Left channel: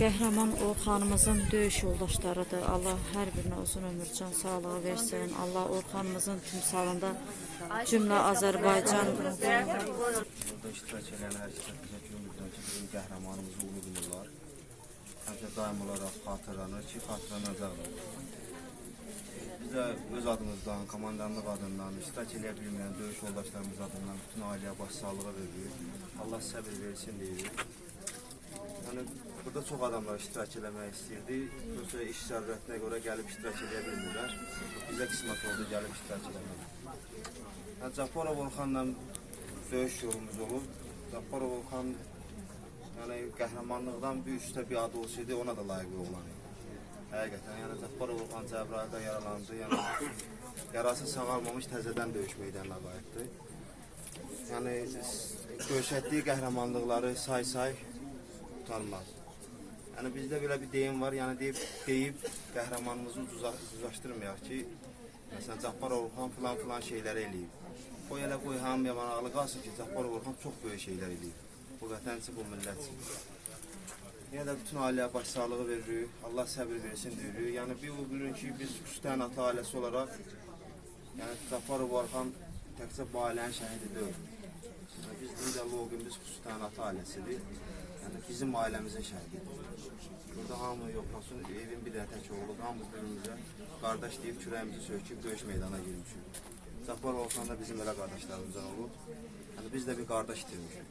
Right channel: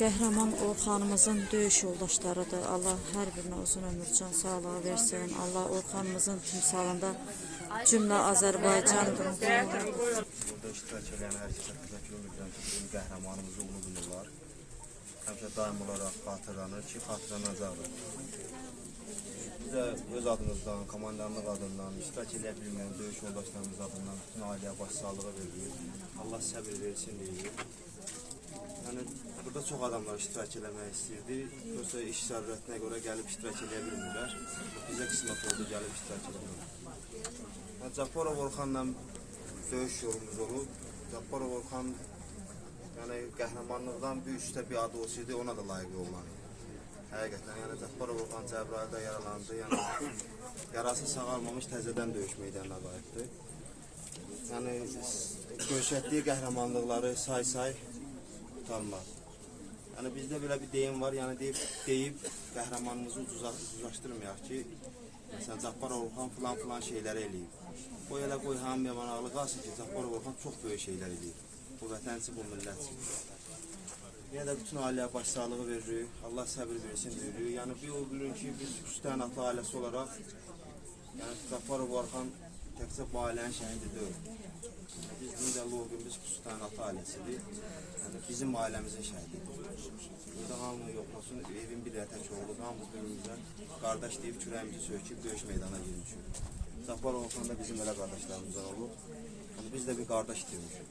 Qəhrəman Orxanımızın döyüş yoldaşlarıdır. Allah hər birinə uzun ömür, can sağlığı versin. Allah Orxanımızın timsalında cümlə Azərbaycan Burada iştirak edən hər kəsə təşəkkür edirəm ki, bizim qəhrəmanımızı ulu bilirlər. Həmişə daim olaraq xatırlanır ki, xatırlanacaqdır. Biz də öz adımızdan, komandanlıq adından, iştirak edə bilməyən döyüş yoldaşlarımız adından bütün ailəyə başsağlığı veririk. Allah səbir versin deyirik. Yəni, burada çox adamlar iştirak eləmək istəyirdi. Yoxsa iş zərurətinə görə gəlib iştirak edə bilmirlər. Bizə qismət oldu gəlib iştirak eləmək. Cabbarov Orxanla döyüş yolumuz olub. Cabbarov Orxan qəhrəmanlıqdan bir üstə bir adı olsaydı ona da layiq oğlan idi. Həqiqətən, Cabbarov Orxan Cəbrayılda yaralandı. Yarası sağalmamış təzədən döyüş meydanına qayıtdı. Döyüşətdiyi qəhrəmanlıqları say-say tutarmaz. Bizdə belə bir deyim var, deyib qəhrəmanımızı uzlaşdırmayaq ki, məsələn, Cabbarov Orxan filan şeyləri eləyib. Qoy elə qoy hamıya maraqlı qalsın ki, Cabbarov Orxan çox böyük şeylər eləyib. Bu vətən üçün, bu millət üçün. Yenə də bütün ailəyə başsağlığı veririk, Allah səbir versin deyirik. Bir o bilin ki, biz Küstən ata ailəsi olaraq, Cabbarov Orxan təkcə bu ailənin şəhidi deyil. Biz o gün biz Küstən ata ailəsidir. Bizim ailəmizin şəhididir. Burada hamı yoxlasın, evin bir tək oğlu, hamımız birimizə qardaş deyib, kürəyimizi söküb, döyüş meydana girmişik. Cabbarov Orxan da bizim elə qardaşlarımızdan olub. Biz də bir qardaş itirmişik.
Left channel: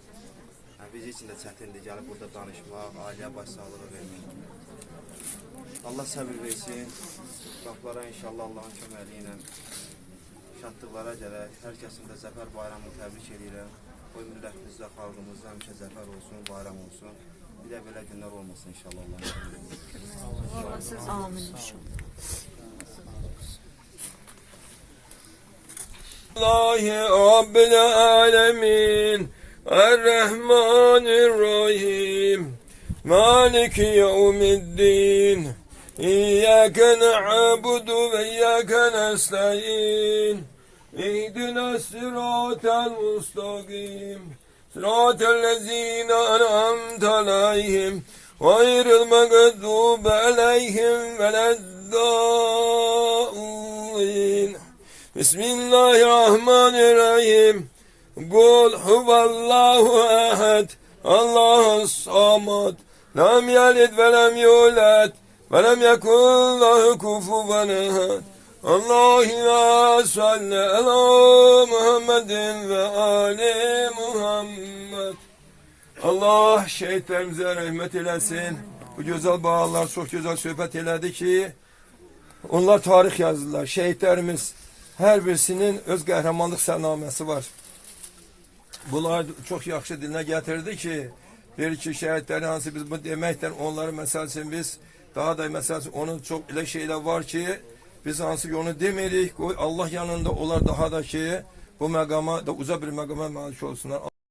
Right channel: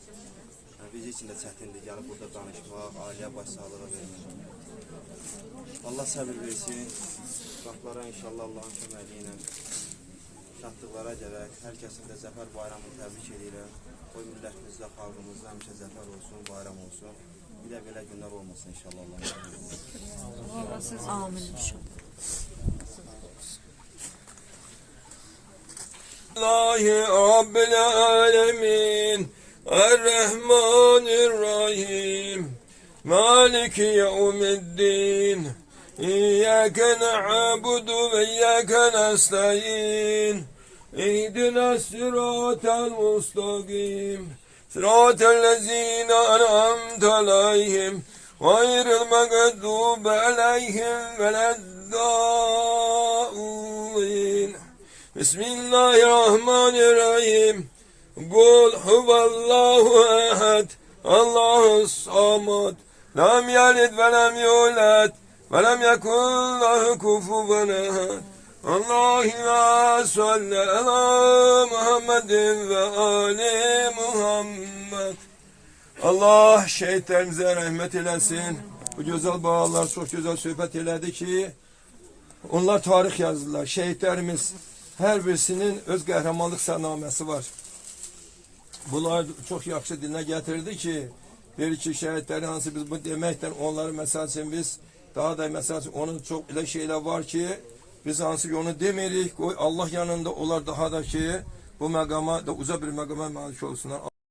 Biz için də çətindir, gəlib burada danışmaq, ailəyə başsağlığı vermək. Allah səbir versin. Qapılara inşallah Allah'ın köməli ilə şadlıqlara gələk. Hər kəsin də Zəfər bayramını təbrik edirəm. Qoy millətimizdə, xalqımızda həmişə zəfər olsun, bayram olsun. Bir də belə günlər olmasın inşallah Allah'ın köməli. amin inşallah. Allahi Rabbil Alemin Errahmanirrahim Maliki Yevmiddin İyyâke na'budu ve iyyâke nesta'in İhdina sıratel mustaqim Sıratellezîne en'amte aleyhim Gayril mağdubi aleyhim veleddâllîn Bismillahirrahmanirrahim Kul huvallahu ehad Allahus samad Lam yalid ve lem yulad ve lem yekun lahu kufuven ehad Allahümme salli ala Muhammedin ve ali Muhammed. Allah şehitlerimize rahmet eylesin. Bu güzel bağlar çok güzel söhbət elədi ki onlar tarih yazdılar. Şehitlerimiz her birisinin öz qəhrəmanlıq sərnaməsi var. Bunlar çok yaxşı dilinə gətirdi ki deyir ki şehitlerin hansı biz bu deməkdən onları məsəl üçün biz daha da məsəl üçün onun çok elə şeyler var ki biz hansı onu demirik, Allah yanında onlar daha da ki bu məqama da uca bir məqama malik olsunlar.